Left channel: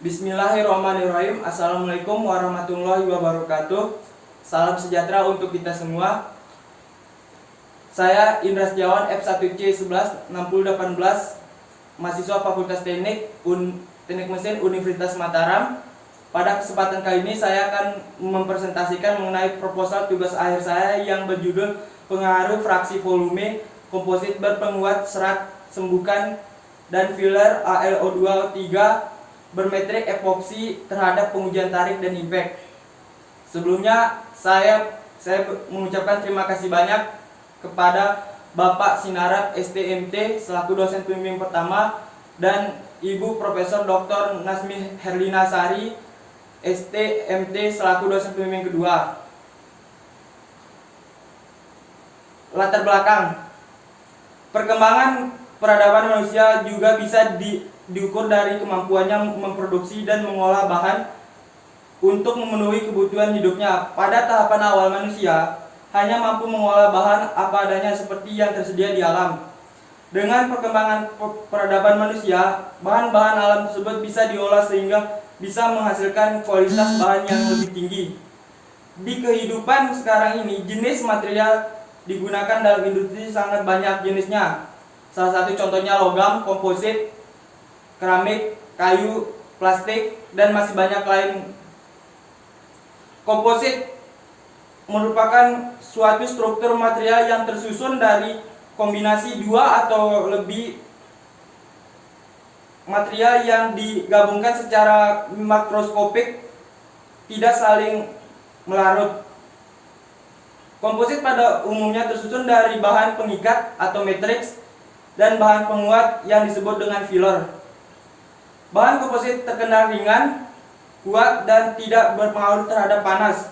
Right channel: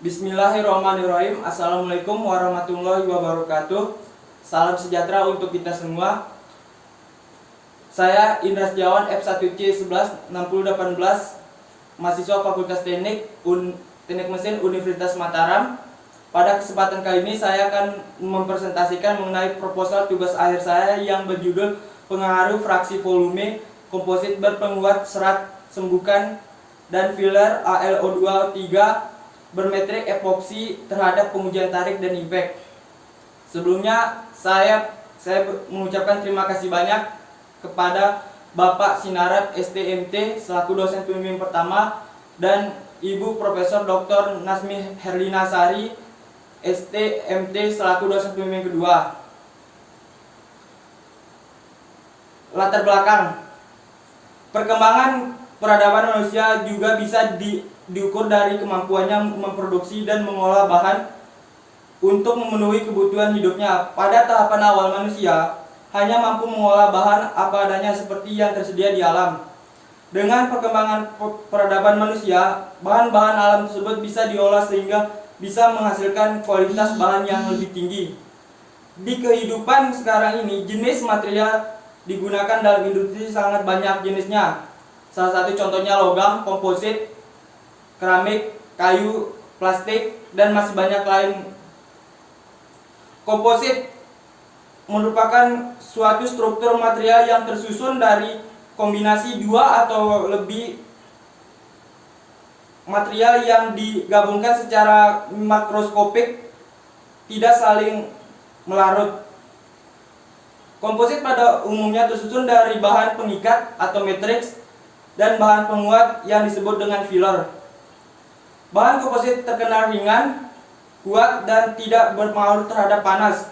Bismillahirrahmanirrahim. Assalamualaikum warahmatullahi wabarakatuh. Salam sejahtera untuk kita semua. Saya Indra Setiawan, F1C116018, mahasiswa Fakultas Teknik Mesin Universitas Mataram. Pada kesempatan kali ini saya akan mempresentasikan mengenai proposal tugas akhir saya yang berjudul pengaruh fraksi volume komposit berpenguat serat sembukan dan filler AlO2O3 bermetrik epoksi terhadap pengujian tarik dan impact. Sebelumnya saya mengucapkan terima kasih banyak kepada Bapak Sinarat STMT selaku dosen pembimbing pertama dan Ibu Profesor Dr. Nasmi Herlina Sari STMT selaku dosen pembimbing kedua. Latar belakang perkembangan peradaban manusia juga bisa diukur dari kemampuannya memproduksi dan mengolah bahan untuk memenuhi kebutuhan hidupnya. Pada tahapan awal manusia hanya mampu mengolah bahan apa adanya seperti yang tersedia di alam. Dengan perkembangan peradaban manusia, bahan-bahan alam tersebut bisa diolah sehingga bisa menghasilkan kualitas bahan yang lebih tinggi. Di kehidupan sekarang ini, jenis material digunakan dalam industri sangat banyak jenisnya. Salah satu contohnya logam, komposit, keramik, kayu, plastik, dan masih banyak lain. Komposit merupakan suatu struktur material yang tersusun dari kombinasi dua atau lebih material yang digabungkan secara makroskopik, tidak saling melarut. Komposit pada umumnya tersusun dari bahan pengikat atau matriks dan bahan penguat yang disebut dengan filler. Bahan komposit terkenal ringan, kuat, dan tidak berpengaruh terhadap panas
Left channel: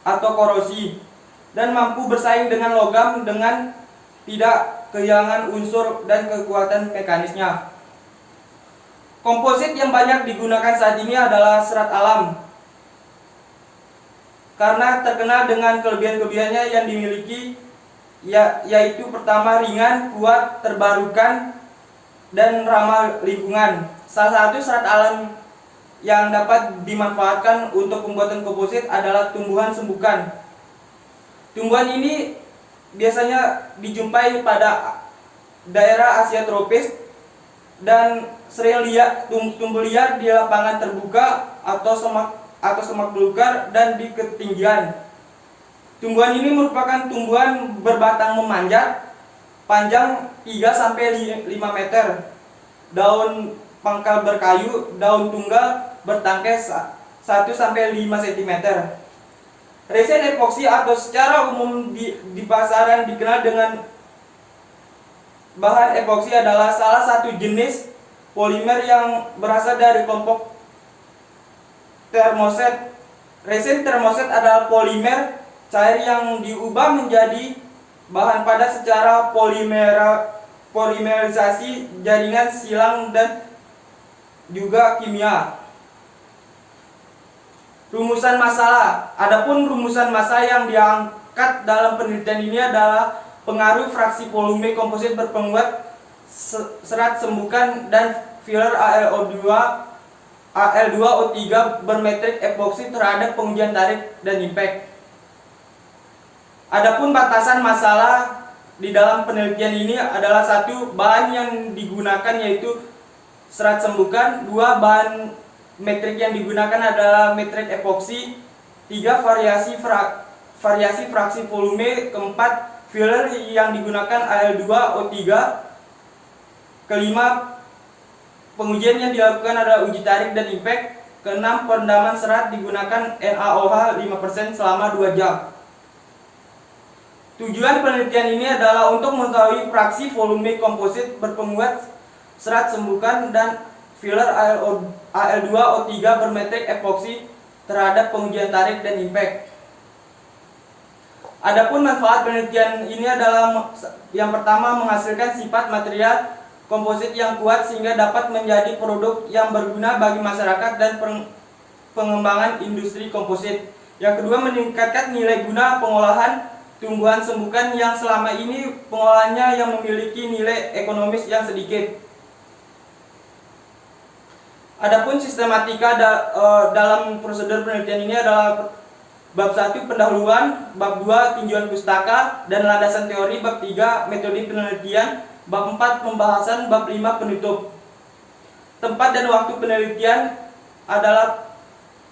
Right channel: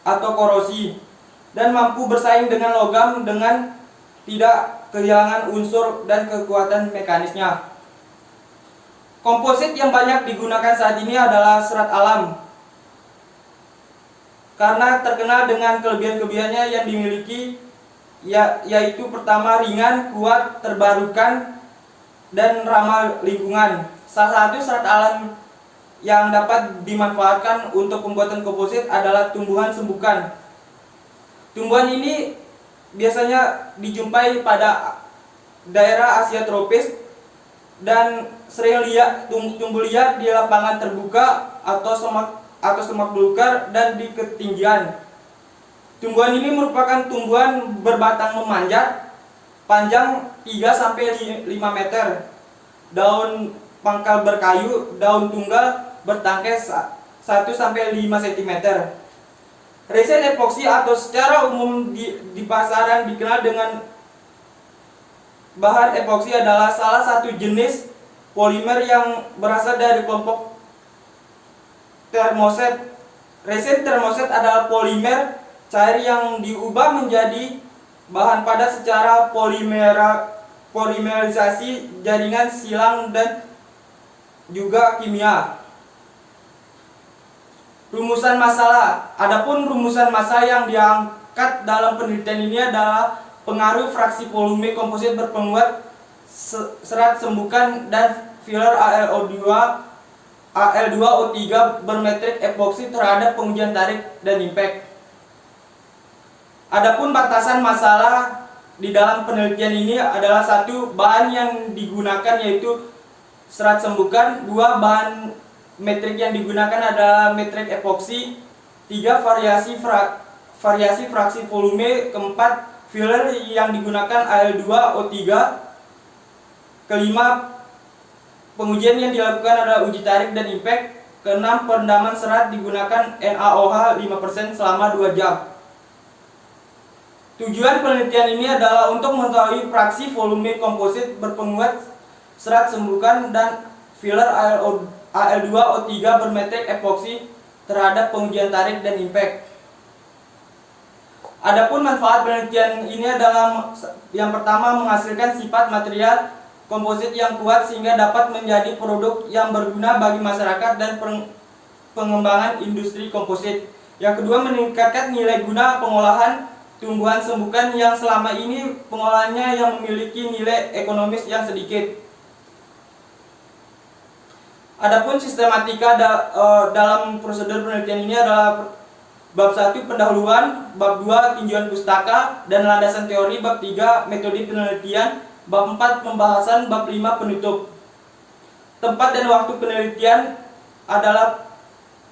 atau korosi, dan mampu bersaing dengan logam dengan tidak kehilangan unsur dan kekuatan mekanisnya. Komposit yang banyak digunakan saat ini adalah serat alam, karena terkenal dengan kelebihan-kelebihannya yang dimiliki, yaitu pertama, ringan, kuat, terbarukan, dan ramah lingkungan. Salah satu serat alam yang dapat dimanfaatkan untuk pembuatan komposit adalah tumbuhan sembukan. Tumbuhan ini biasanya dijumpai pada daerah Asia tropis dan sering tumbuh liar di lapangan terbuka atau semak belukar dan di ketinggian. Tumbuhan ini merupakan tumbuhan berbatang memanjat, panjang 3-5 meter, daun pangkal berkayu, daun tunggal bertangkai 1-5 cm. Resin epoksi atau secara umum di pasaran dikenal dengan bahan epoksi adalah salah satu jenis polimer yang berasal dari kelompok termoset. Resin termoset adalah polimer cair yang diubah menjadi bahan padat secara polimerisasi jaringan silang dan juga kimia. Rumusan masalah. Adapun rumusan masalah yang diangkat dalam penelitian ini adalah pengaruh fraksi volume komposit berpenguat serat sembukan dan filler AlO2O3 bermetrik epoksi terhadap pengujian tarik dan impact. Adapun batasan masalah di dalam penelitian ini adalah satu, bahan yang digunakan yaitu serat sembukan, dua, bahan metrik yang digunakan adalah metrik epoksi, tiga, variasi fraksi volume, keempat, filler yang digunakan AlO2O3, kelima, pengujian yang dilakukan adalah uji tarik dan impact, keenam, perendaman serat digunakan NaOH 5% selama 2 jam. Tujuan penelitian ini adalah untuk mengetahui fraksi volume komposit berpenguat serat sembukan dan filler AlO2O3 bermetrik epoksi terhadap pengujian tarik dan impact. Adapun manfaat penelitian ini adalah yang pertama, menghasilkan sifat material komposit yang kuat sehingga dapat menjadi produk yang berguna bagi masyarakat dan pengembangan industri komposit. Yang kedua, meningkatkan nilai guna pengolahan tumbuhan sembukan yang selama ini pengolahannya yang memiliki nilai ekonomis yang sedikit. Adapun sistematika dalam prosedur penelitian ini adalah bab 1 pendahuluan, bab 2 tinjauan pustaka dan landasan teori, bab 3 metode penelitian, bab 4 pembahasan, bab 5 penutup. Tempat dan waktu penelitian adalah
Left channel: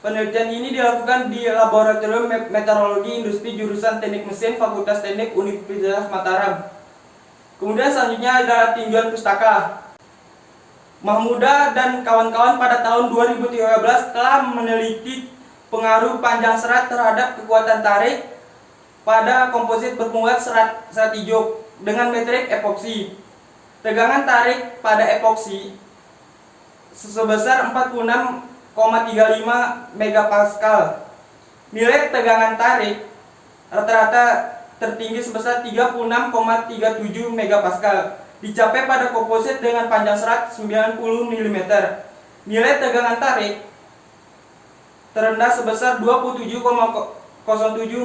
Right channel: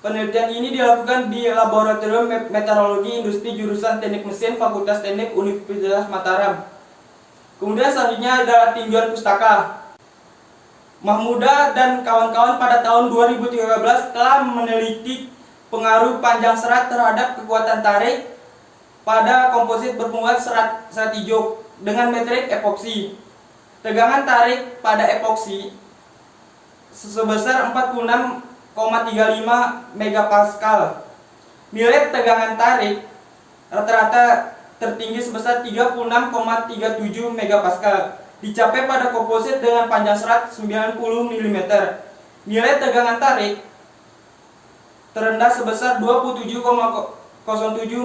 penelitian ini dilakukan di Laboratorium Meteorologi Industri jurusan Teknik Mesin Fakultas Teknik Universitas Mataram. Kemudian selanjutnya adalah tinjauan pustaka. Mahmuda dan kawan-kawan pada tahun 2013 telah meneliti pengaruh panjang serat terhadap kekuatan tarik pada komposit bermuat serat hijau dengan metrik epoksi. Tegangan tarik pada epoksi sebesar 46,35 megapascal. Nilai tegangan tarik rata-rata tertinggi sebesar 36,37 megapascal. Dicapai pada komposit dengan panjang serat 90 mm. Nilai tegangan tarik terendah sebesar 27,07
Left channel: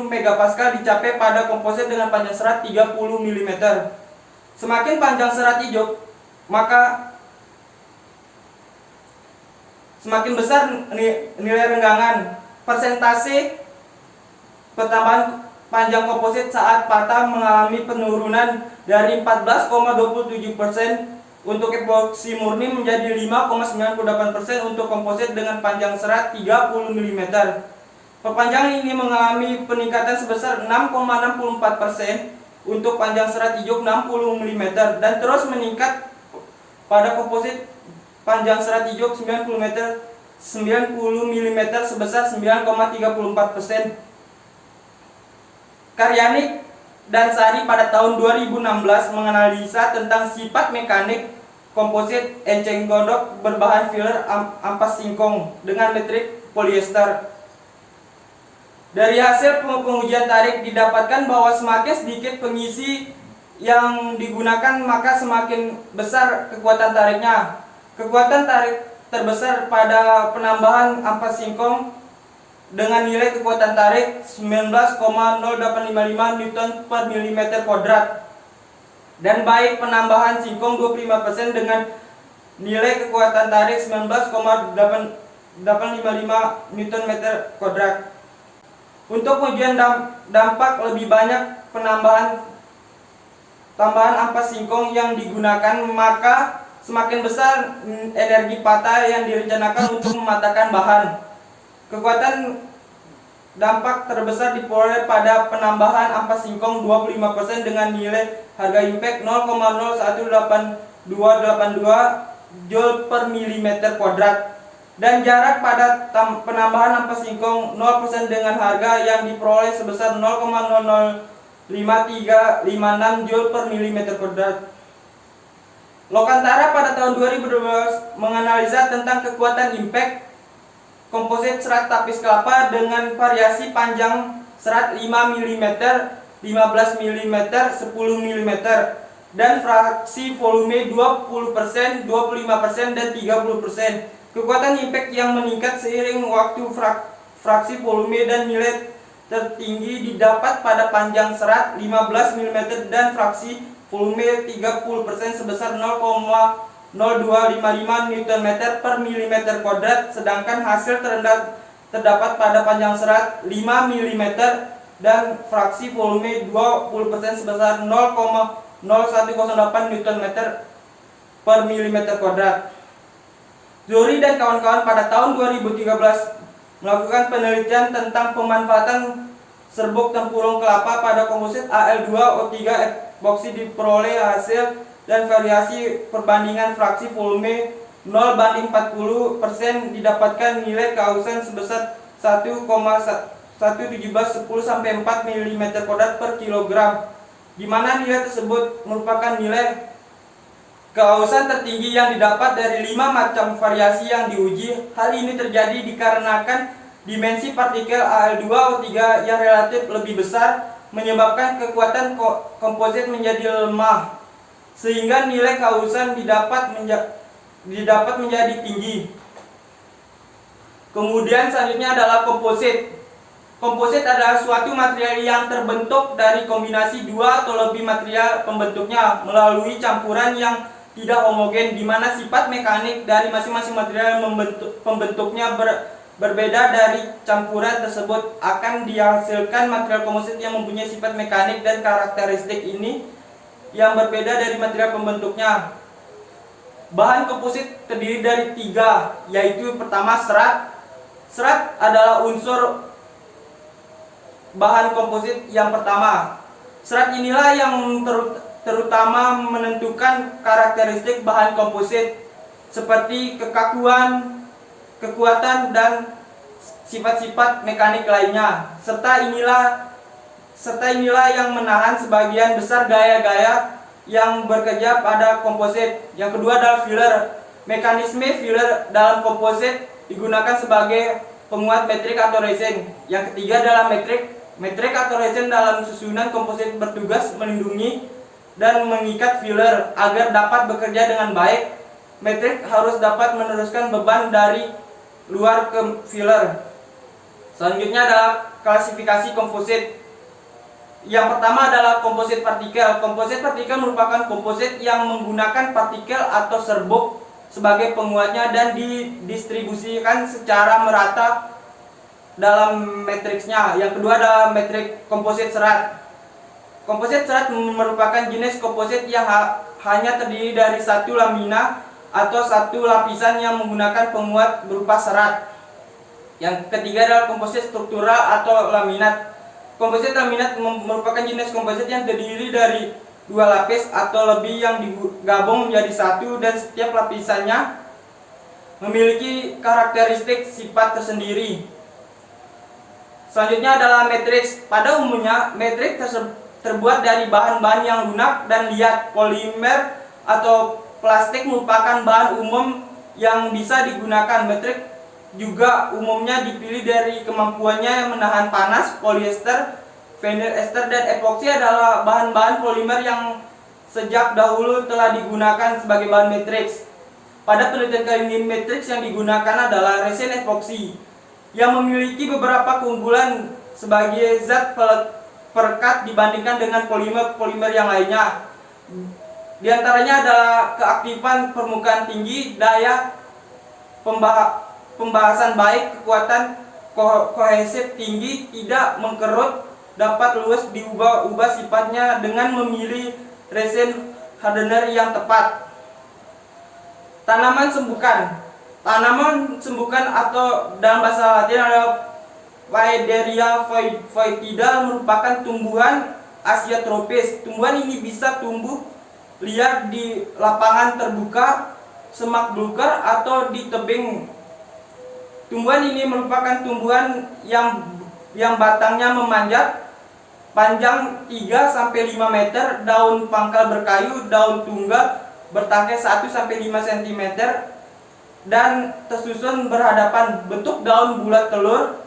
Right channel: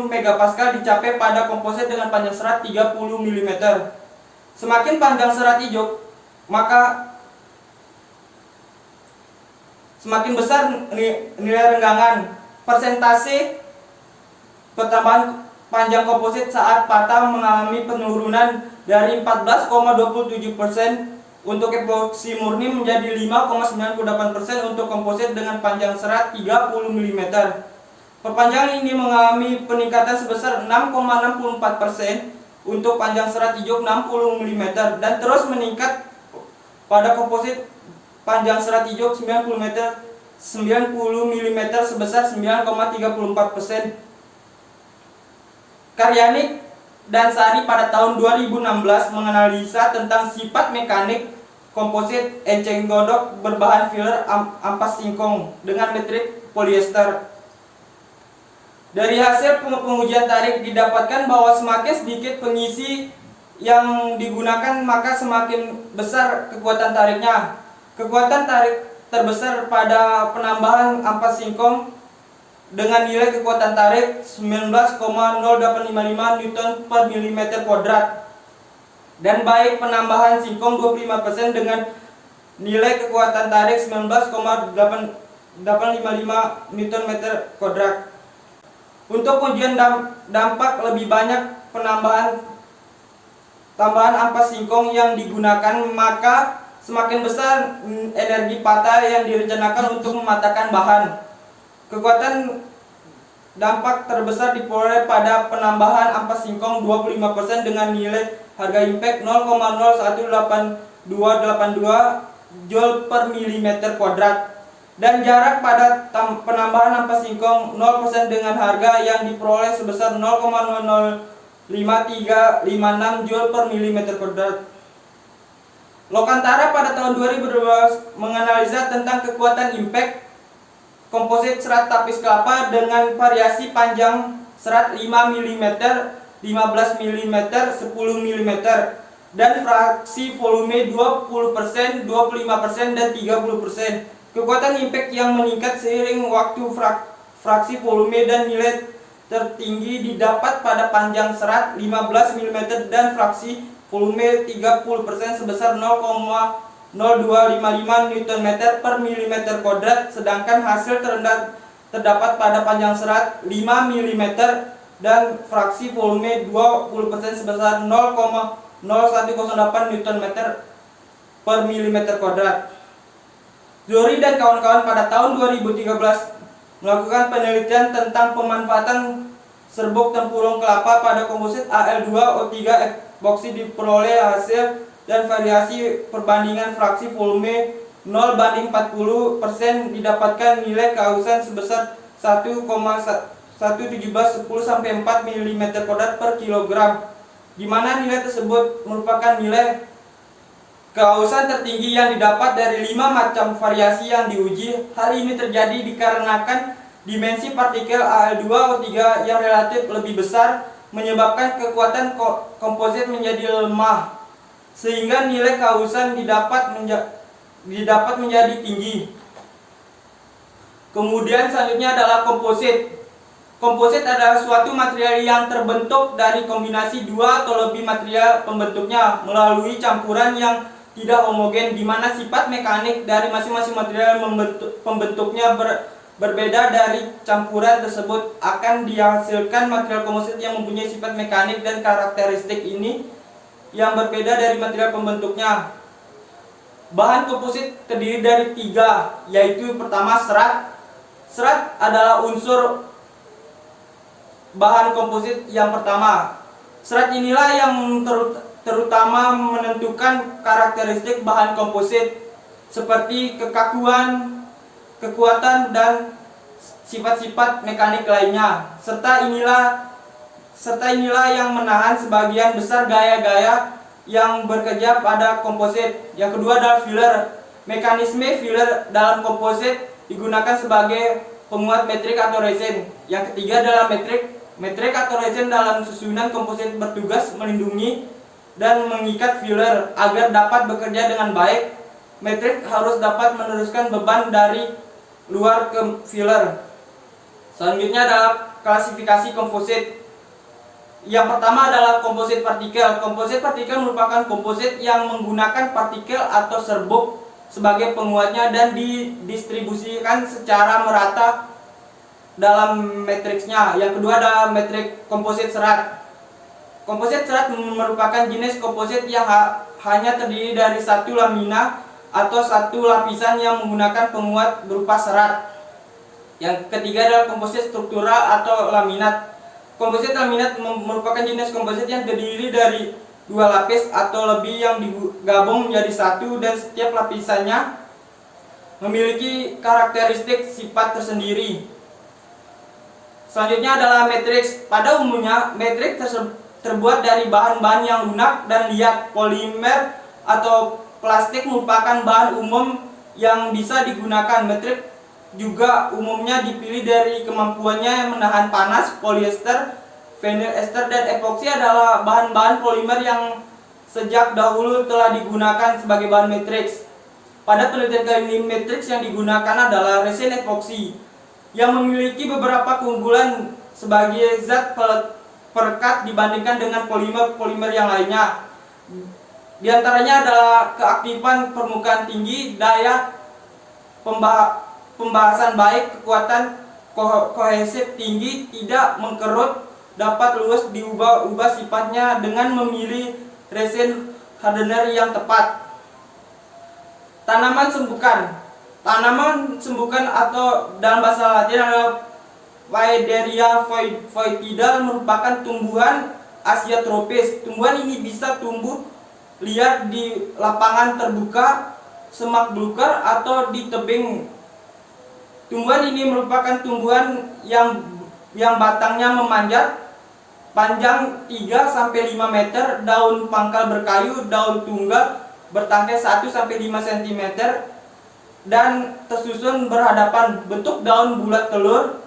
megapascal dicapai pada komposit dengan panjang serat 30 mm. Semakin panjang serat hijau, maka semakin besar nilai renggangan. Persentase pertambahan panjang komposit saat patah mengalami penurunan dari 14,27% untuk epoksi murni menjadi 5,98% untuk komposit dengan panjang serat 30 mm. Perpanjangan ini mengalami peningkatan sebesar 6,64% untuk panjang serat hijau 60 mm dan terus meningkat pada komposit panjang serat hijau 90 mm sebesar 9,34%. Karyanik dan Sari pada tahun 2016 menganalisa tentang sifat mekanik komposit enceng gondok berbahan filler ampas singkong dengan metrik polyester. Dari hasil pengujian tarik didapatkan bahwa semakin sedikit pengisi yang digunakan maka semakin besar kekuatan tariknya. Kekuatan tarik terbesar pada penambahan ampas singkong dengan nilai kekuatan tarik 19,0855 Newton per mm kuadrat, dan baik penambahan singkong 25% dengan nilai kekuatan tarik 19,855 Newton meter kuadrat. Untuk pengujian dampak lebih banyak tambahan ampas singkong yang digunakan, maka semakin besar energi patah yang direncanakan untuk mematahkan bahan. Kekuatan dampak terbesar diperoleh pada penambahan ampas singkong 25% dengan nilai harga impact 0,018282 Joule per mm kuadrat, dan jarak pada penambahan ampas singkong 0% dengan harga yang diperoleh sebesar 0,005356 Joule per mm kuadrat. Lokantara pada tahun 2012 menganalisa tentang kekuatan impact komposit serat tapis kelapa dengan variasi panjang serat 5 mm, 15 mm, 10 mm dan fraksi volume 20%, 25% dan 30%. Kekuatan impact yang meningkat seiring waktu fraksi volume dan nilai tertinggi didapat pada panjang serat 15 mm dan fraksi volume 30% sebesar 0,0255 Nm per mm kuadrat, sedangkan hasil terendah terdapat pada panjang serat 5 mm dan fraksi volume 20% sebesar 0,0108 Nm per mm kuadrat. Zohri dan kawan-kawan pada tahun 2013 melakukan penelitian tentang pemanfaatan serbuk tempurung kelapa pada komposit Al2O3 epoksi. Diperoleh hasil dan variasi perbandingan fraksi volume 0:40% didapatkan nilai kehausan sebesar 1,1710 sampai 4 mm kuadrat per kilogram, di mana nilai tersebut merupakan nilai kehausan tertinggi yang didapat dari 5 macam variasi yang diuji. Hal ini terjadi dikarenakan dimensi partikel Al2O3 yang relatif lebih besar menyebabkan kekuatan komposit menjadi lemah, sehingga nilai kehausan didapat menjadi tinggi. Kemudian selanjutnya adalah komposit. Komposit adalah suatu material yang terbentuk dari kombinasi dua atau lebih material pembentuknya melalui campuran yang tidak homogen, di mana sifat mekanik dari masing-masing material pembentuknya berbeda dari campuran tersebut, akan dihasilkan material komposit yang mempunyai sifat mekanik dan karakteristik ini yang berbeda dari material pembentuknya. Bahan komposit terdiri dari 3, yaitu pertama serat. Serat adalah unsur bahan komposit yang pertama. Serat inilah yang terutama menentukan karakteristik bahan komposit seperti kekakuan, kekuatan, dan sifat-sifat mekanik lainnya. Serta inilah yang menahan sebagian besar gaya-gaya yang bekerja pada komposit. Yang kedua adalah filler. Mekanisme filler dalam komposit digunakan sebagai penguat metrik atau resin. Yang ketiga adalah metrik. Metrik atau resin dalam susunan komposit bertugas melindungi dan mengikat filler agar dapat bekerja dengan baik. Metrik harus dapat meneruskan beban dari luar ke filler. Selanjutnya adalah klasifikasi komposit. Yang pertama adalah komposit partikel. Komposit partikel merupakan komposit yang menggunakan partikel atau serbuk sebagai penguatnya dan didistribusikan secara merata dalam matriksnya. Yang kedua adalah metrik komposit serat. Komposit serat merupakan jenis komposit yang hanya terdiri dari satu lamina atau satu lapisan yang menggunakan penguat berupa serat. Yang ketiga adalah komposit struktural atau laminat. Komposit laminat merupakan jenis komposit yang terdiri dari 2 lapis atau lebih yang digabung menjadi satu, dan setiap lapisannya memiliki karakteristik sifat tersendiri. Selanjutnya adalah matriks. Pada umumnya, matriks terbuat dari bahan-bahan yang lunak dan liat. Polimer atau plastik merupakan bahan umum yang bisa digunakan. Matriks juga umumnya dipilih dari kemampuannya menahan panas. Polyester, vinyl ester, dan epoksi adalah bahan-bahan polimer yang sejak dahulu telah digunakan sebagai bahan matriks. Pada penelitian kali ini, matriks yang digunakan adalah resin epoksi yang memiliki beberapa keunggulan sebagai zat perekat dibandingkan dengan polimer yang lainnya. Di antaranya adalah keaktifan permukaan tinggi, daya pembahasan baik, kekuatan kohesif tinggi, tidak mengkerut, dapat luas diubah-ubah sifatnya dengan memilih resin hardener yang tepat. Tanaman sembukan. Tanaman sembukan atau dalam bahasa Latin adalah Waederia foetida merupakan tumbuhan Asia tropis. Tumbuhan ini bisa tumbuh liar di lapangan terbuka, semak belukar, atau di tebing. Tumbuhan ini merupakan tumbuhan yang batangnya memanjat, panjang 3-5 meter, daun pangkal berkayu, daun tunggal bertangkai 1-5 cm, dan tersusun berhadapan. Bentuk daun bulat telur,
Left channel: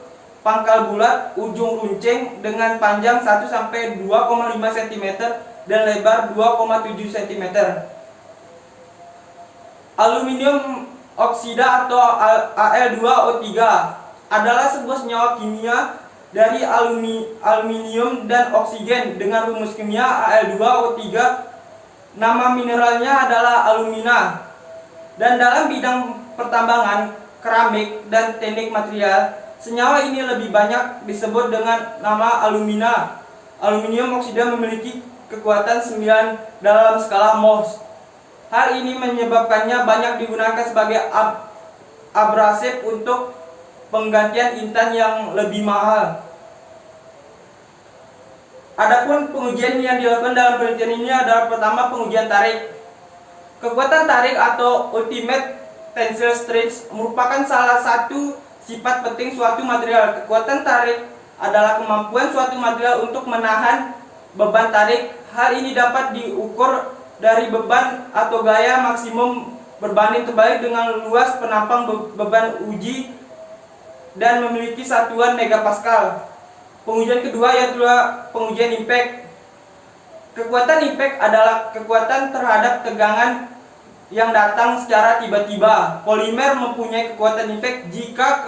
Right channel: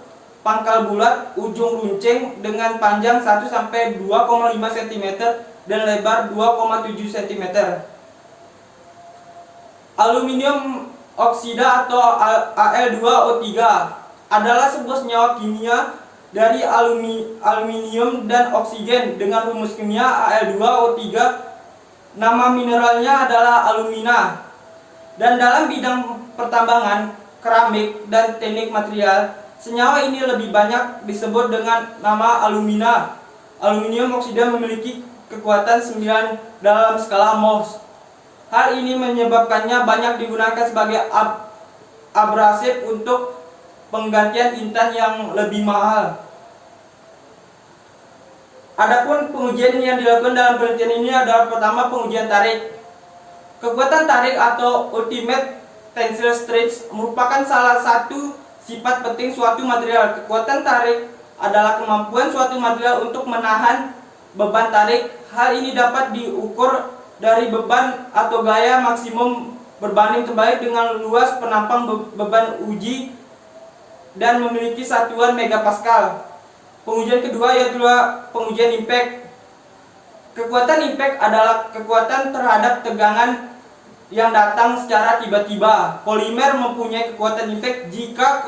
pangkal bulat, ujung runcing dengan panjang 1-2,5 cm dan lebar 2,7 cm. Aluminium oksida atau Al2O3 adalah sebuah senyawa kimia dari aluminium dan oksigen dengan rumus kimia Al2O3. Nama mineralnya adalah alumina. Dan dalam bidang pertambangan, keramik, dan teknik material, senyawa ini lebih banyak disebut dengan nama alumina. Aluminium oksida memiliki kekuatan 9 dalam skala Mohs. Hal ini menyebabkannya banyak digunakan sebagai abrasif untuk penggantian intan yang lebih mahal. Adapun pengujian yang dilakukan dalam penelitian ini adalah pertama pengujian tarik. Kekuatan tarik atau ultimate tensile strength merupakan salah satu sifat penting suatu material. Kekuatan tarik adalah kemampuan suatu material untuk menahan beban tarik. Hal ini dapat diukur dari beban atau gaya maksimum berbanding terbalik dengan luas penampang beban uji dan memiliki satuan megapascal. Pengujian kedua yaitu pengujian impact. Kekuatan impact adalah kekuatan terhadap tegangan yang datang secara tiba-tiba. Polimer mempunyai kekuatan impact jika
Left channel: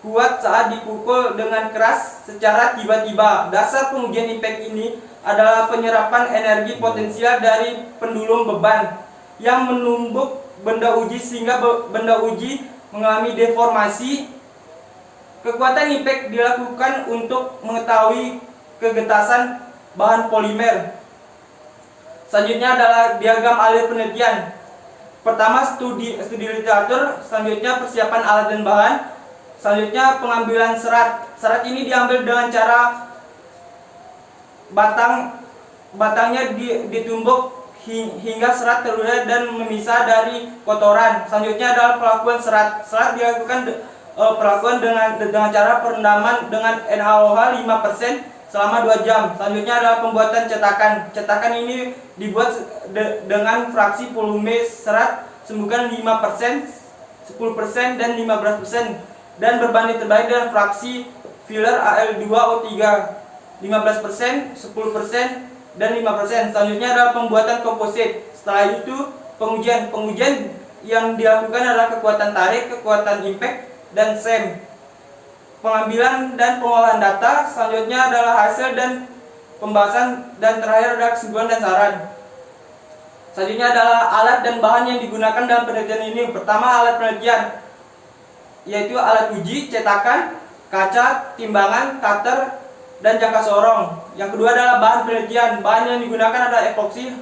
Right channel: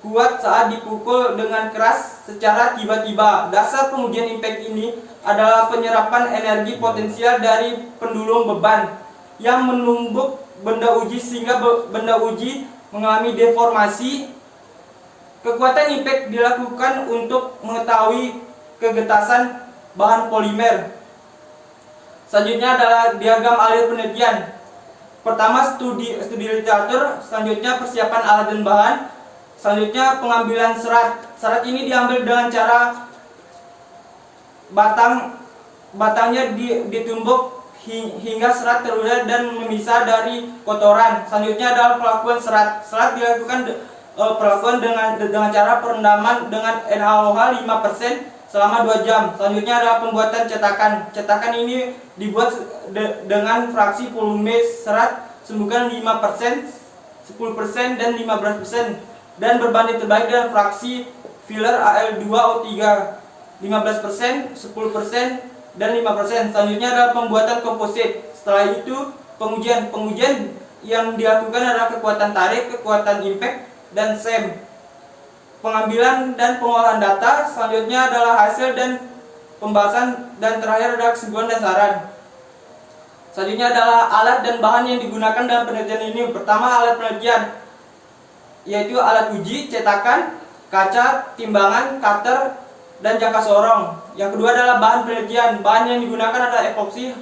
kuat saat dipukul dengan keras secara tiba-tiba. Dasar pengujian impact ini adalah penyerapan energi potensial dari pendulum beban. yang menumbuk benda uji sehingga benda uji mengalami deformasi. Kekuatan impact dilakukan untuk mengetahui kegetasan bahan polimer. Selanjutnya adalah diagram alir penelitian. Pertama studi literatur, selanjutnya persiapan alat dan bahan, selanjutnya pengambilan serat. Serat ini diambil dengan cara batangnya ditumbuk hingga serat terurai dan memisah dari kotoran. Selanjutnya adalah pelakuan serat. Serat dilakukan pelakuan dengan cara perendaman dengan NaOH 5% selama 2 jam. Selanjutnya adalah pembuatan cetakan. Cetakan ini dibuat dengan fraksi volume serat sembuhkan 5%, 10% dan 15% dan berbanding terbalik dengan fraksi filler Al2O3 15%, 10% dan 5%. Selanjutnya adalah pembuatan komposit. Setelah itu pengujian yang dilakukan adalah kekuatan tarik, kekuatan impact dan SEM. Pengambilan dan pengolahan data, selanjutnya adalah hasil dan pembahasan, dan terakhir adalah kesimpulan dan saran. Selanjutnya adalah alat dan bahan yang digunakan dalam penelitian ini. Pertama, alat penelitian, yaitu alat uji, cetakan, kaca, timbangan, cutter, dan jangka sorong. Yang kedua adalah bahan penelitian. Bahan yang digunakan adalah epoksi.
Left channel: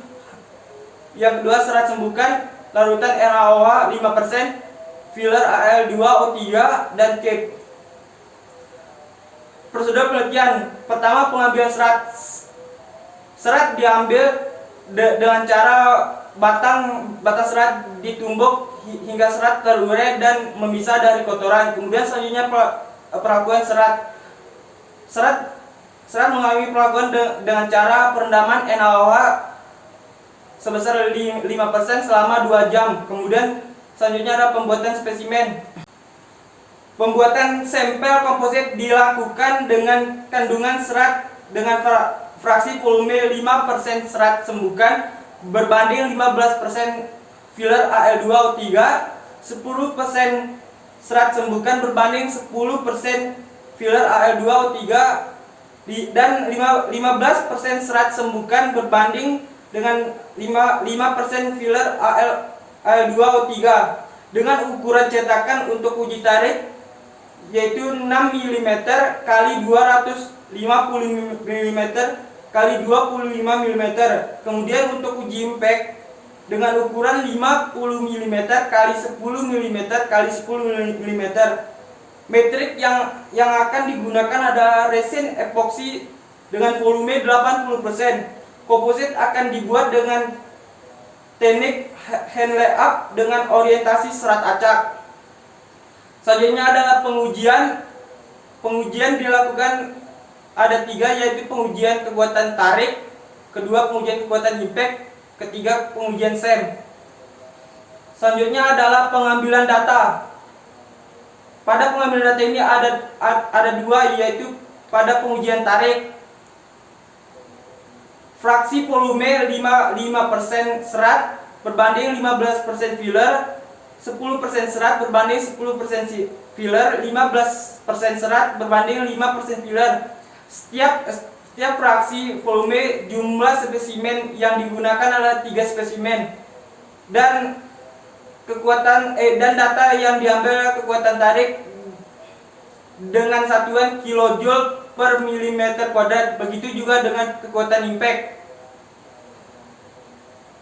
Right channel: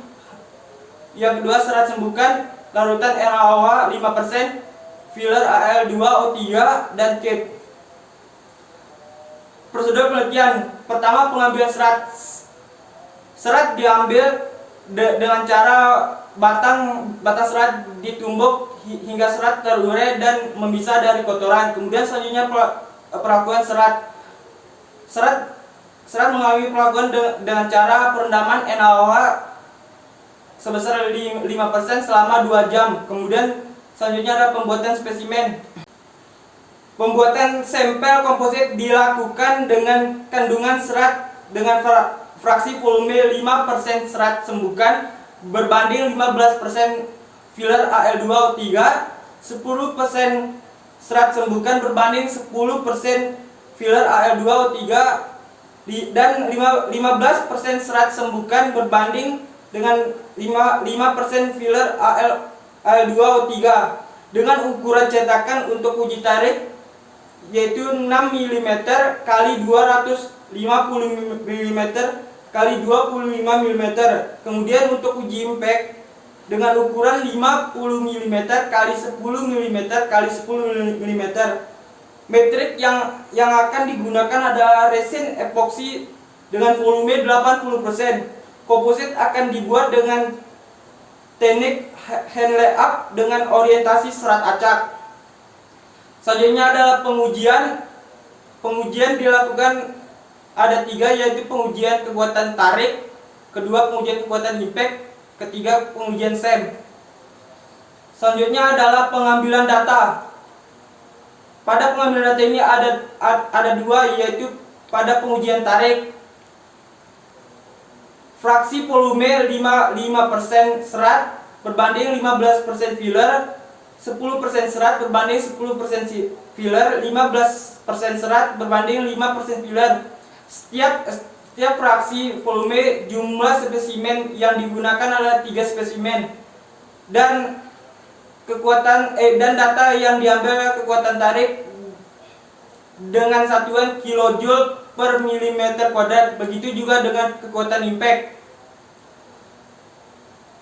Yang kedua, serat sembuhkan, larutan NaOH 5%, filler Al2O3, dan cake. Prosedur penelitian. Pertama, pengambilan serat. Serat diambil dengan cara batang serat ditumbuk hingga serat terurai dan memisah dari kotoran. Kemudian selanjutnya pelakuan serat. Serat mengalami pelakuan dengan cara perendaman NaOH sebesar 5% selama 2 jam. Kemudian selanjutnya ada pembuatan spesimen. Pembuatan sampel komposit dilakukan dengan kandungan serat dengan fraksi volume 5% serat sembuhkan berbanding 15% filler Al2O3, 10% serat sembuhkan berbanding 10% filler Al2O3, dan 15% serat sembuhkan berbanding dengan 5% filler Al2O3 dengan ukuran cetakan untuk uji tarik yaitu 6 mm kali 250 mm kali 25 mm. Kemudian untuk uji impact dengan ukuran 50 mm kali 10 mm kali 10 mm. Metrik yang akan digunakan adalah resin epoksi dengan volume 80%. Komposit akan dibuat dengan teknik hand layup dengan orientasi serat acak. Selanjutnya adalah pengujian. Pengujian dilakukan ada 3, yaitu pengujian kekuatan tarik, kedua pengujian kekuatan impact, ketiga pengujian SEM. Selanjutnya adalah pengambilan data. Pada pengambilan data ini ada 2, yaitu pada pengujian tarik. Fraksi volume 5% serat berbanding 15% filler, 10% serat berbanding 10% filler, 15% serat berbanding 5% filler. Setiap fraksi volume jumlah spesimen yang digunakan adalah 3 spesimen. Dan data yang diambil adalah kekuatan tarik dengan satuan kilojoule per milimeter kuadrat. Begitu juga dengan kekuatan impact.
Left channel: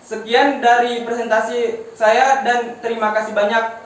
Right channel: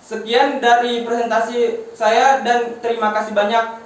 Sekian dari presentasi saya dan terima kasih banyak.